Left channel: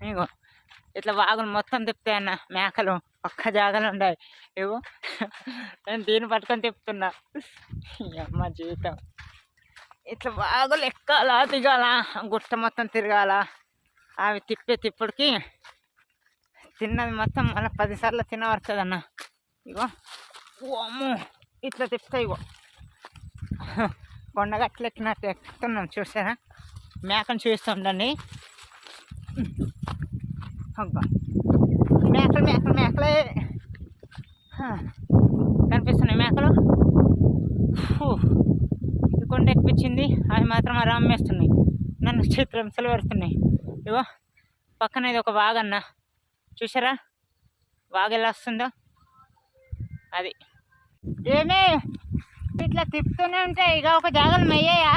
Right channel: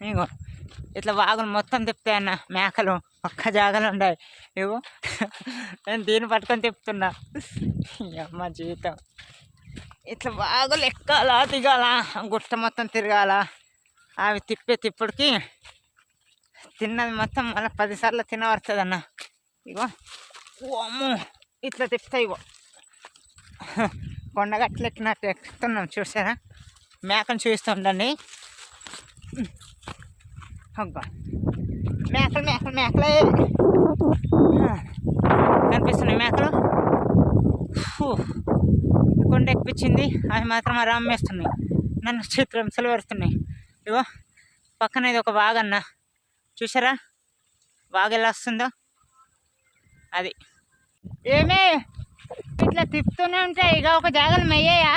ఇగో ఇట్లా వాగులు మొత్తం తిప్పుతాయి అన్న మేకలు ఒక్క జాగలు ఉండాలి. ఇగో నేను దీన్ని పట్టుకొని తిప్పుతున్నా. అమ్మ జీవితం. ఇట్లా వాగులు ఎక్కాలా దిగాల గుట్ట మొత్తం తిరగాల. అవి తిప్పే తిప్పుడికి తిన్నది మొత్తం మళ్ళీ పదిసార్లు తినబడుతుంది అన్న ఇగో ఓ అమ్మో ఇట్లా తిప్పుతాయి ఇగో. కొండగట్లు ఎక్కినట్టు ఎక్కుతున్నాం చూసారా? మేకను చూస్తుండండి. అబ్బా మేకలు మేకలు మేకలే కనిపిస్తున్నాయి మేకలు ఫూ. ఈ కొండ ఎక్కిపించింది అవి మాత్రం అలా అమ్మేస్తున్నాయి నన్ను చిత్రంసలు పెడుతున్నాయి ఇగో పక్కన ఇది ఒక వాగన్న చూసారా వాగు ఎలా వస్తుందో అది ఏమే ఇట్లా తిప్పుతూనే ఉంటాయి ఇక ఒక జాగలు మెయ్యాయా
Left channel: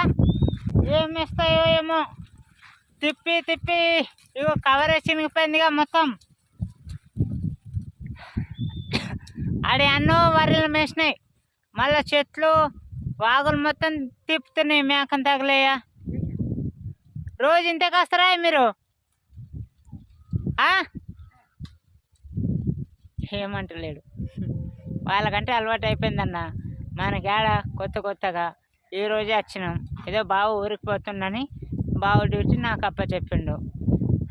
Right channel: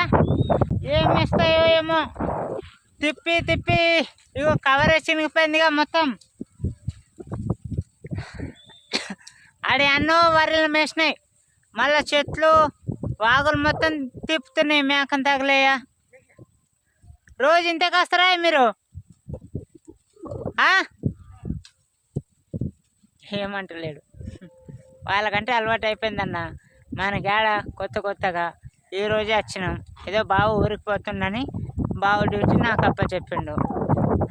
ఏం ఇస్తాయో ఏమో తిప్పి తిప్పి ఇగో కవర్ చినిగిపోయిందిగా మొత్తం. ఆడ ఎన్నో వర్రెలు మేసినాయి. మళ్ళా చెట్లు వాగులు మొత్తం తిప్పుతున్నాయి మేకం తగలేయా. రోజు ఇంతే కాస్తారా మీరు? ఏమంటలేడు. వాళ్ళకంటే అలవాటు అయిపోయిందన్న. గేడ కొత్త కొత్తగా ఈ రోజే వచ్చినాం. ఏదో బావు ఊరికి పోతుండని బావు డ్యూటీ నాకు అప్ప చెప్పిండు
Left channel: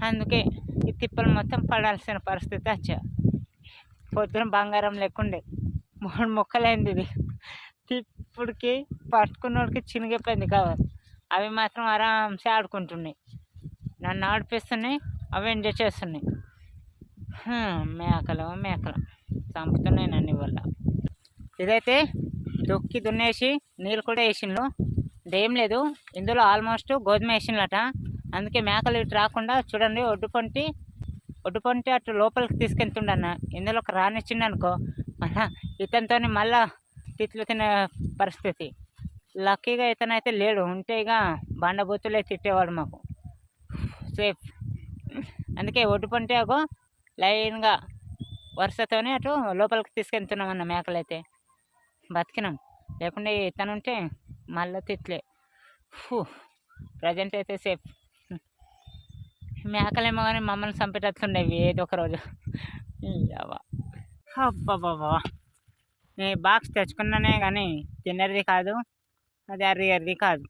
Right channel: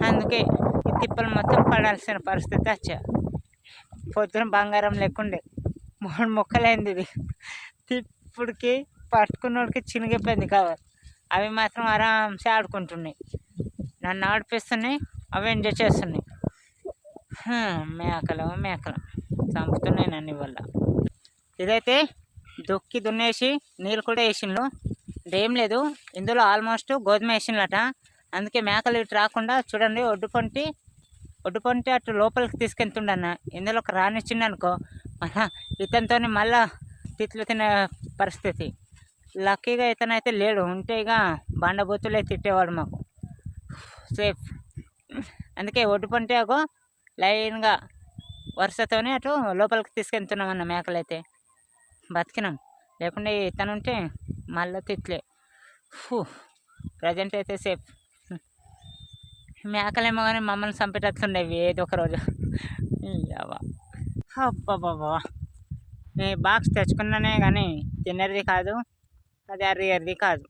అందుకే ఈ తిప్పలు మొత్తం పడాల్సిన పరిస్థితి వచ్చా పొద్దున బంగారం లేకుండే. మూడు మొక్కలైంది ఇది. తిప్పుడికి పట్టుకున్నోడికి చినిగిపోయింది కవర్. అవి మాత్రం ఆరాంసే ఆడుకుంటున్నాయి. నన్ను ఆడిపిస్తున్నాయి అవి ఎంజాయ్ చేస్తున్నాయి. మేకలు మేకలు. చంపుతున్నాయి నన్ను వల్ల ఇదైతే దొక్కి దున్నేసి నీళ్ళు కూడా వేసిండ్రు ఏం లేదు. ఇందులో ఆల్మోస్ట్ గోధుమ వేసిండ్రట అందుకే మేకలు ఇటు రాకుండా చూడండి ఒడ్డు పొంటి ఒడ్డు పొంటి అటు లోపలికి తీసుకెళ్తుండన్న. ఇందులో ఒక రానిచ్చిండు అనుకో మళ్ళా ఇతనితో మళ్ళా తిట్లు తినే పరిస్థితి. లక్కీగా ఇతనైతే లేడు. ఉంటే ఇక బండబూతులే తిట్టేవాడు మాకు. సేఫ్. అందుకే ఒడ్డుపొంటి అగో లైన్గా వరుసతోనే అటు లోపలికి తీసుకెళ్తున్నాం అన్న మేకలైతే. బతికినాం. లేకుంటే ఇతను ఉంటే మళ్ళీ తిట్లే. ఫూ. ప్రజెంట్ అయితే సేఫ్. మేకలేమో కానీ మమ్మల్ని చంపేటట్లుండేవి ఏదో ఒక రోజు. అబ్బాబాబా నేను బాక్స్ తెచ్చుకున్నానే కానీ తిన్నది కాదు అది అరిగేది కాదు.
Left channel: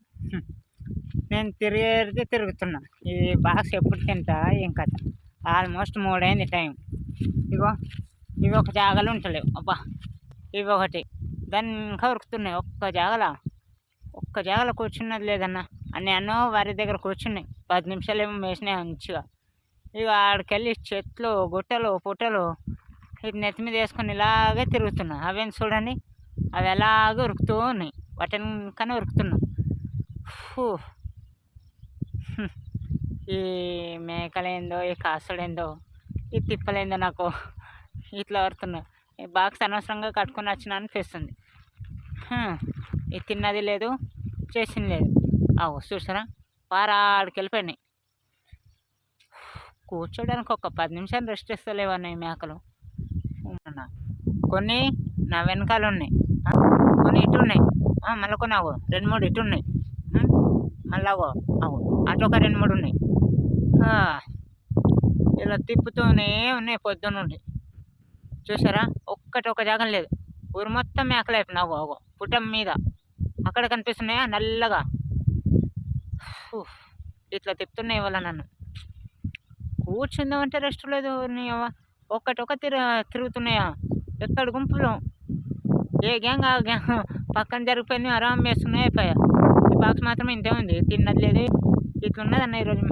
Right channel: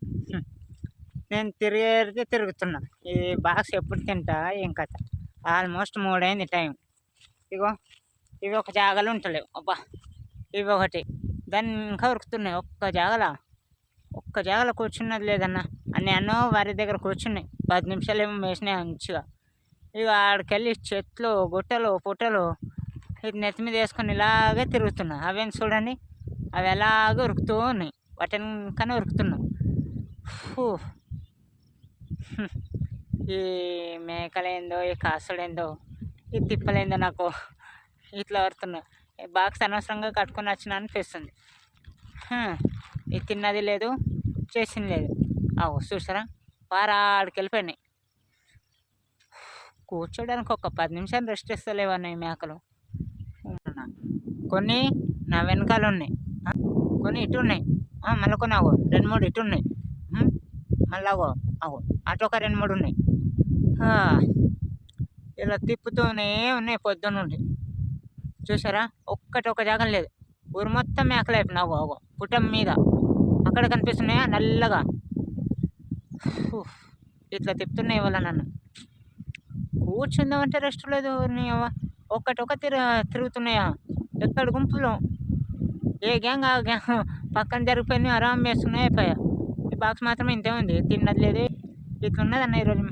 నేను తిరిగేది తిరుగుతున్నా. ఈ బాక్స్ ఎప్పుడు తింటా ఏం కథ. Almost మూడైంది time. ఇగో ఇవి ఒక జాగాలో ఉంటలేవు. అబ్బా ఇవి ఒకటి. దాన్ని ఇంకా ఉరుకుతున్నాయి ఒక్క జాగలా? ఒక్క జాగలో కూర్చున్నది లేదన్న. అన్నీ అన్నో వారి దగ్గర కూర్చున్నాయి. పది నిమిషాలు ఏమో మేసినాయి మంచిగా. ఇక ఆడికెళ్ళి చెట్లు గుట్టలు పుట్టలు ఇది నెత్తి మీద వేసుకొని ఇలాగే తిరుగుతున్నా. అవేం చూడండి? అవి ఎలాగే ఉరుకుతూ ఉన్నాయి. వాటిని కానీ ఉరుకుతున్నాం. ఈ మేకలేందో ఈ కాసుడేందో ఈ తిప్పలేందో నాకు ఇట్లా వరుతున్నా బాక్స్ అనవసరంగా కట్టుకొని వచ్చిన అనిపిస్తుంది. ఇది తిన్నది లేదు చేసింది లేదు. అవు చూసారా? వారాడికి వెళ్ళిపోయినాయి కూర్చోడానికి ఒక పది నిమిషాలు రెస్ట్ ఇస్తలేవన్నాయి మేకలు. కొన్ని నా వెనకాల ఉన్నాయి. కొన్ని ఇటు ఉన్నాయి. మళ్ళీ కొన్ని అగో రెండు మూడు ఇటు ఉన్నాయి. మళ్ళీ అగో అగో అటు ఒక రెండు మూడు ఉన్నాయి. ఇలా తిప్పుతూనే ఉన్నాయి పొద్దున్న చూసారా? ఒక్కటి ఒక జాగం లేదు. ఊరు మొత్తం మేకలు అయిపోయినాయి. అగో పుటం మీద అక్కడ కనిపిస్తున్నాయా? నల్లగా. ఇట్లా తిప్పుతున్నాయి వాళ్ళ నన్ను. కూర్చుందామంటే రెస్ట్ లేదు నీ అవ్వ. ఒక్కటి ఒక తిరుగుతున్నాయా? ఎక్కడ గుంపులో? ఏ గ్యాంగ్ ఆ గ్యాంగ్ పక్కన జరిగిపోయినాయి ఆరాం వేస్తున్నాయి అయిపోయా. ఈ బాక్స్ మాత్రం ఇంతే ఉంది. తిన్నది లేదు. ఇట్లున్నదన్న ఈరోజు